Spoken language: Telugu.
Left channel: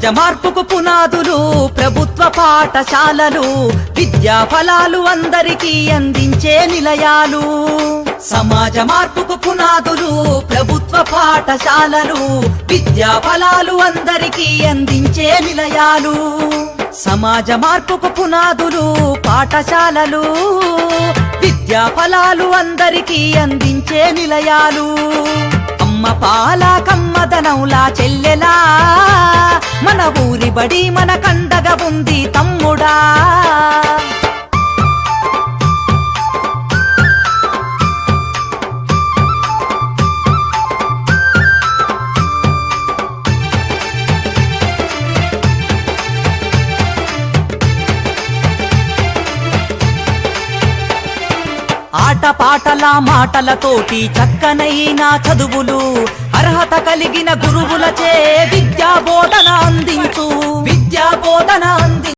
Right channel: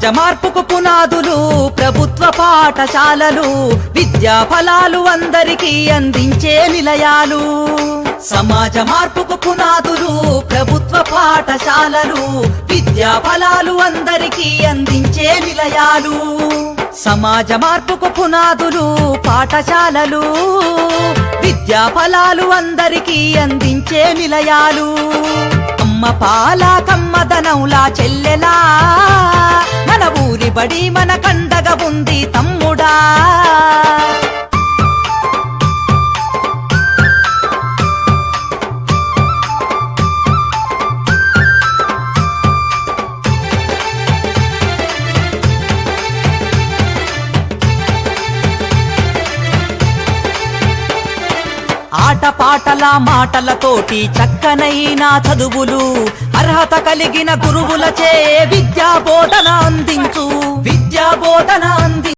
సమాజ మార్పుకు పునాదులు ప్రభుత్వ పాఠశాలలు, విద్యా ఫలాలు అందరికీ అందించే నిలయాలు. సమాజ మార్పుకు పునాదులు ప్రభుత్వ పాఠశాలలు, విద్యా ఫలాలు అందరికీ అందించే నిలయాలు. సమాజ మార్పుకు పునాదులు పాఠశాలలు, విద్యా ఫలాలు అందరికీ అందించే నిలయాలు. అమ్మ పాల కమ్మదనౌలా చెల్లెలా, మన ఊరి బడి మన కండగా ఉంది తమ్ముడా. ఆటపాటల మాటలతోటి చక్కనైన చదువులు, అర్హత కలిగిన గురువులచే విద్యా బోధన అందించు.